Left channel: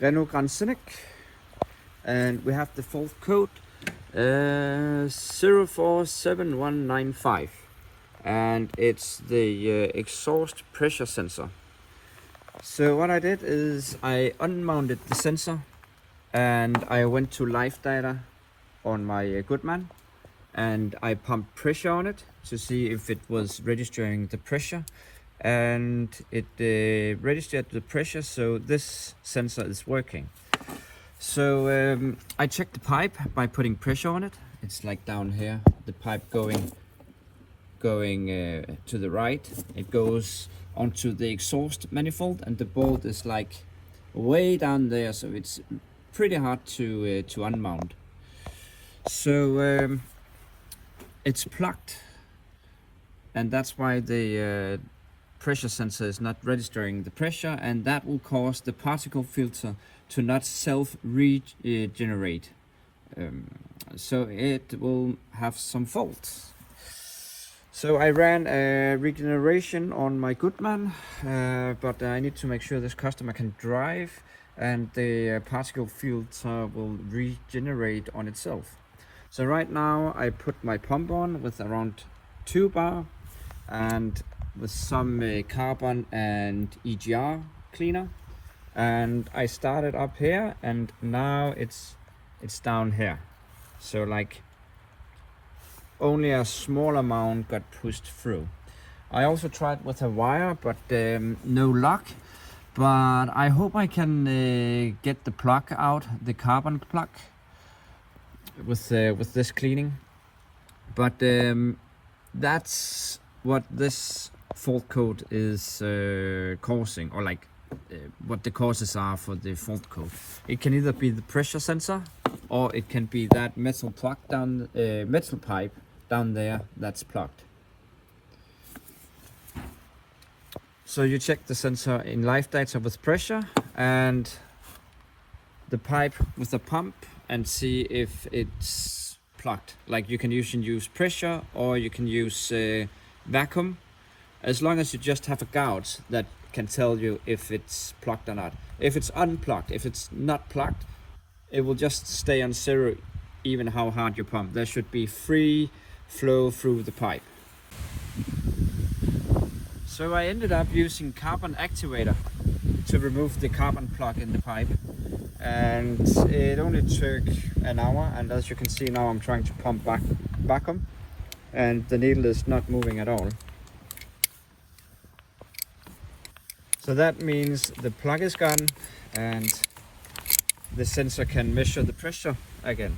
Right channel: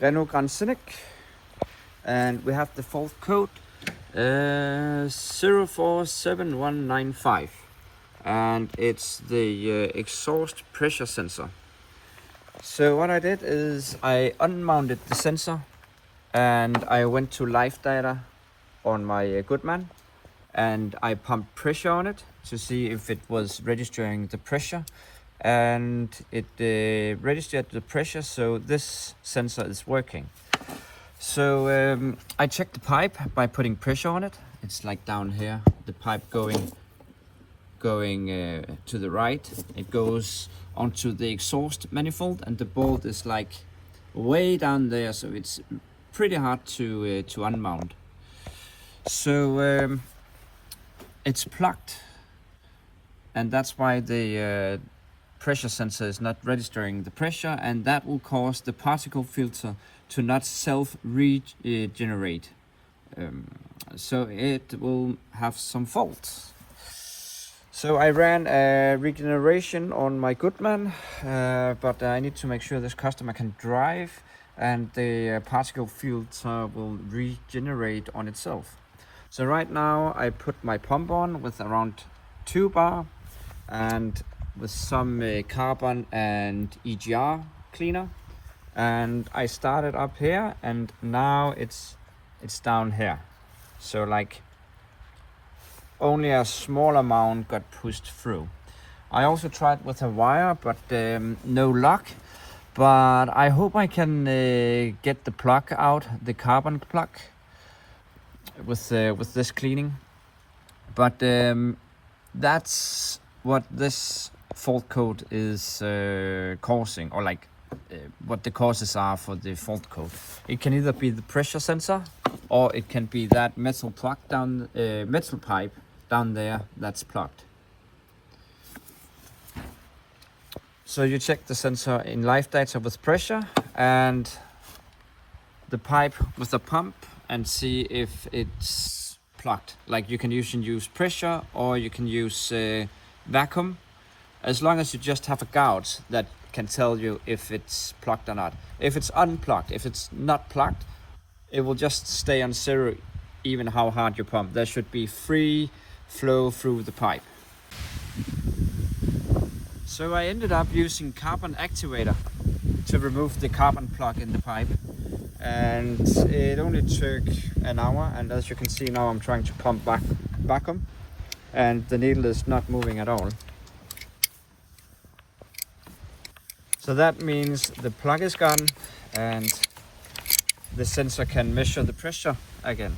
Renault Scenic, and we have the fault code 047195, and it's the exhaust pressure sensor. So what I did is I unmounted the sensor and I went to live data on my Goodman, and I pumped pressure on it to see if it was registering the pressure, and it registered the pressure, so this sensor is working. So I checked the pipe by putting pressure on it. It's like down here, the pipe going to the right. It goes onto the exhaust manifold, and the bolt is like way down there, so it's pretty hard to unmount. So it's plugged, and that's why the pressure sensor is not registering the pressure, and that will cause the particle filter to not self-regenerate. So it will have some faults. So I ran a regeneration on my Goodman, but I need to make sure this customer can drive and the particle filter will regenerate on itself. So right now I put my pump on with around 2 bar and with some carbon and EGR cleaner, and I started up here, and now it's down here. So like only a small amount got pushed through. I also tried with a wire, but no luck. But I hope I can get the plug out, the carbon plug, with this cleaning. But that's what this fault code is causing, or like what the causes are for the fault code. It can either be the pressure sensor, or it can be that metal plug down, metal pipe down there that's plugged. So you check the sensor in live data with pressure and the pipe with the pump and see if it's plugged. Like you can use pressure, or you can use vacuum, as long as you just have a gauge that can tell you if it's plugged or not. If it's unplugged, if it's not plugged, it will just stay on zero even how hard you pump. There should be free flow through the pipe. So I ended up using carbon activator to remove the carbon plug in the pipe, and it only took an hour, and as you can see now I'm trying to pump vacuum and the needle is not moving at all. So that means the plug is gone and the sensor can measure the pressure again.